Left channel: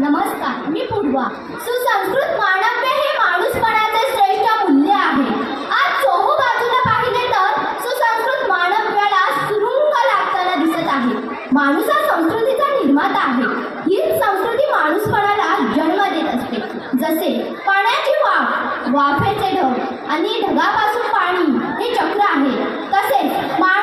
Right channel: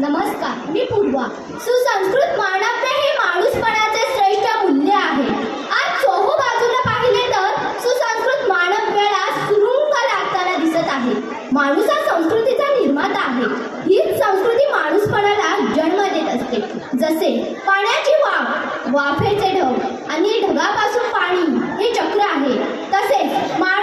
नमस्कार मी पूर्वा. सुसंस्कृत मानव्य हे माणूसपणाचे श्रेष्ठ मूल्य आहे. आज चोहू बाजूला पाहिले तर सुसंस्कृत मानव्याला सुरुंग लागताना दिसत आहे. माणूस हा संस्कृतीचा निर्माता आहे. हीच संस्कृती माणूसपणाला जन्म देत असते. जसे पाण्याची वाफ वाफेचे ढग आणि ढगापासून पाणी हे चक्र आहे. तसेच माणूस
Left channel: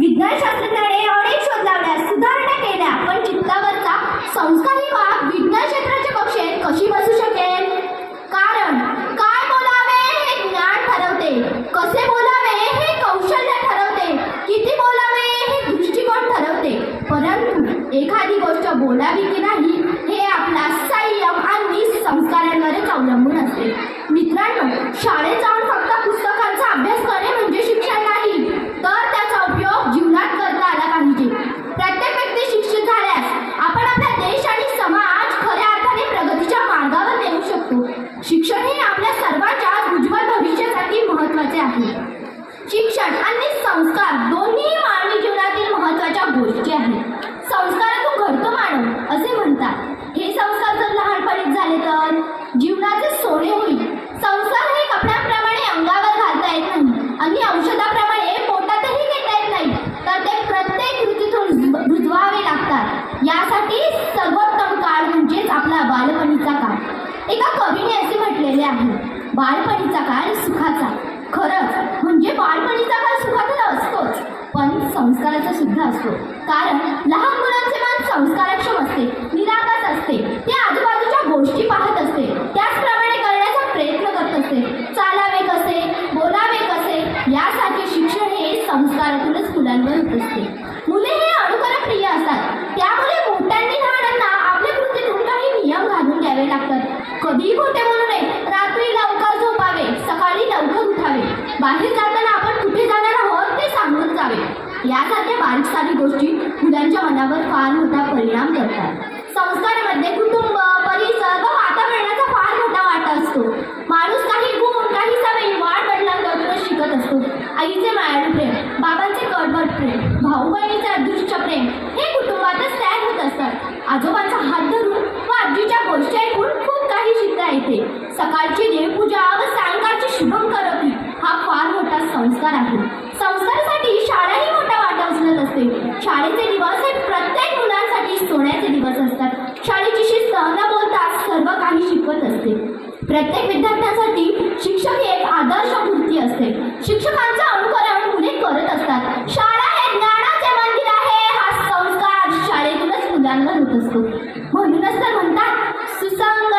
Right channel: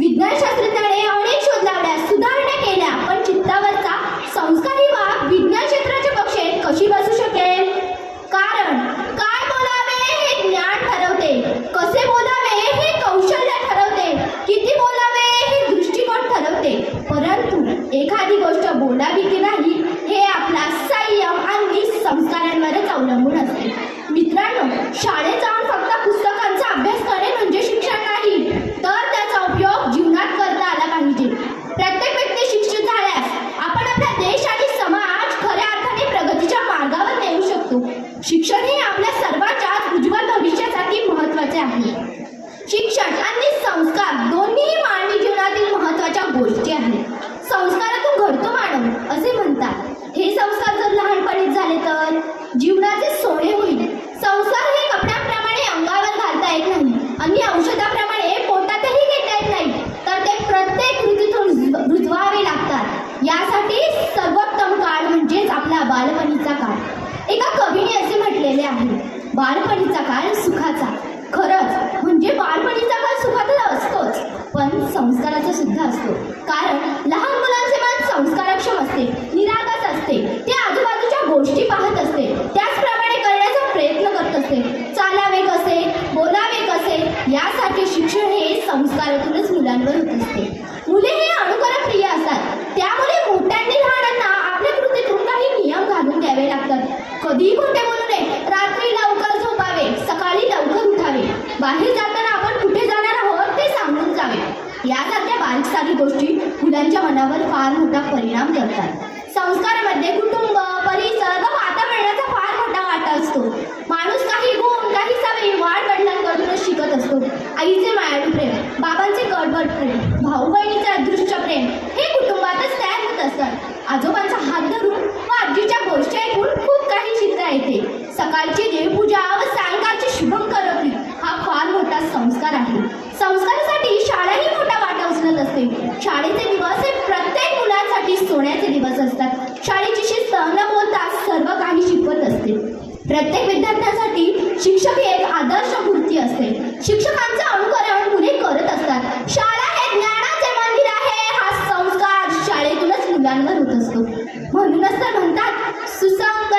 विज्ञान शास्त्रज्ञाने अनेक शोध लावल्या सुधारणा केल्या पण चित्तावरचा संस्कारी वाघ विज्ञान क्षेत्राच्या कक्षेत कशी बसू शकेल? कारण काय बोलावे हे ज्ञान ठरवते कसे बोलावे हे कौशल्य ठरवते किती बोलावे हे दृष्टिकोन ठरवते. परंतु एखादी गोष्ट बोलावी की नाही शिक्षण हे आपल्या सर्वांच्या उज्ज्वल भविष्यासाठी महत्त्वाचे आहे. शिक्षण आणि संस्कार दोन्ही मानवी जीवनातील महत्त्वाच्या गोष्टी आहेत. संस्कार घडतो मानव असे म्हणतात हे संस्कार जर लहानपणीच झाले तर जीवनाचे सोने होईल संस्कार हे कपड्याप्रमाणे अंगावर घालता येत नाही आणि औषधाप्रमाणे पोटातही घेता येत नाही तर ते प्रत्येक ऋतूतून रुज- रुजवावे लागतात यासाठी सर्वोत्तम काळ म्हणजेच आपला बालपणीचा काळ एका कवीने असे म्हटलेले आहे. बालपणीचा काळ सुखाचा. खरंच म्हणजे बालपणीचा काळ सुखाचा असतोच. पण संस्काराचा सुद्धा असतो. कारण लहान मुलांचे मन संस्कारक्षम असते निरागस असते. ते आजूबाजूच्या गोष्टी पाहत असते. त्याचप्रमाणे करण्याचा प्रयत्न करत असते. चालावे कसे बोलावे कसे यासारखे शिक्षण हे संस्कारातूनच मुलांवर होत असते. मुले हे अनुकरणप्रिय असतात. त्यामुळे मोठ्यांनी लहानांना आपल्या कृतीतून काही नियम घालून द्यावे लागतात. कधीही कोणत्या यासारख्या बारीक सारी गोष्टी मुलांच्या मनावर फार मोठा परिणाम करतात. संस्कारामध्ये कुटुंब परिसर व वातावरणाचा फार मोठा वाटा असतो. माणूस काही गुण काही सवयी वाढ वडिलांकडूनच शिकत असतो. आईचे मायाळू प्रेम बाबांचे कडबड प्रेम भाऊ बहिणीचे अदृश्य प्रेम हे कुटुंबातच तयार होत असतात. आजोबांचा हात धरून व आजीच्या गोष्टी ऐकून खूप काही शिकता येते. सकाळची देवपूजा व सायंकाळची शुभम हा फार मोठा संस्कार आहे संस्कारासाठी शाळाही मोठा वाटा उचलत असते शाळेचे दिवस हे प्रत्येक मुलांसाठी सोन्याचे दिवस असतात. शाळेची शिस्त न बोलता सर्व काही शिकवत असते. प्रत्येक विद्यार्थ्यांसाठी शिक्षक ही एक आदर्श मूर्ती असते. शिक्षकांचं अनुकरण मुले करत असतात. शाळा हे ज्ञानाचे मंदिर आहे. हा संस्कार शाळेतूनच मुलांवर होत असतो. म्हणूनच तर म्हणतात सुसंग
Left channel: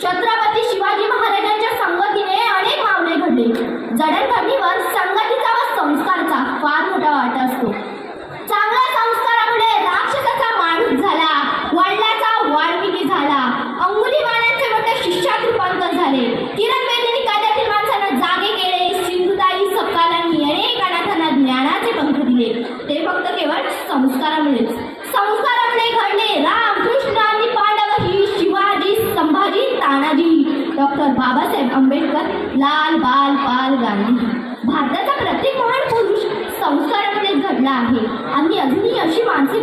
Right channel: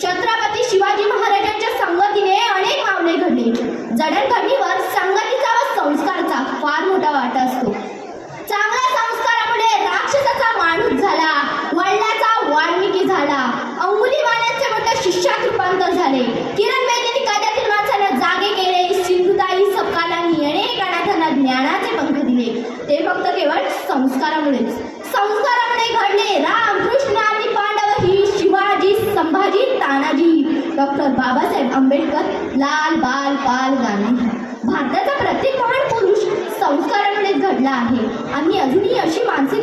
छत्रपती डॉक्टर बाबासाहेब आंबेडकर लाल बाल पाल गांधी भारताचा प्रत्येक महान पुरुष संस्कारामुळे घडला आहे. आणि अजूनही अशी माणसं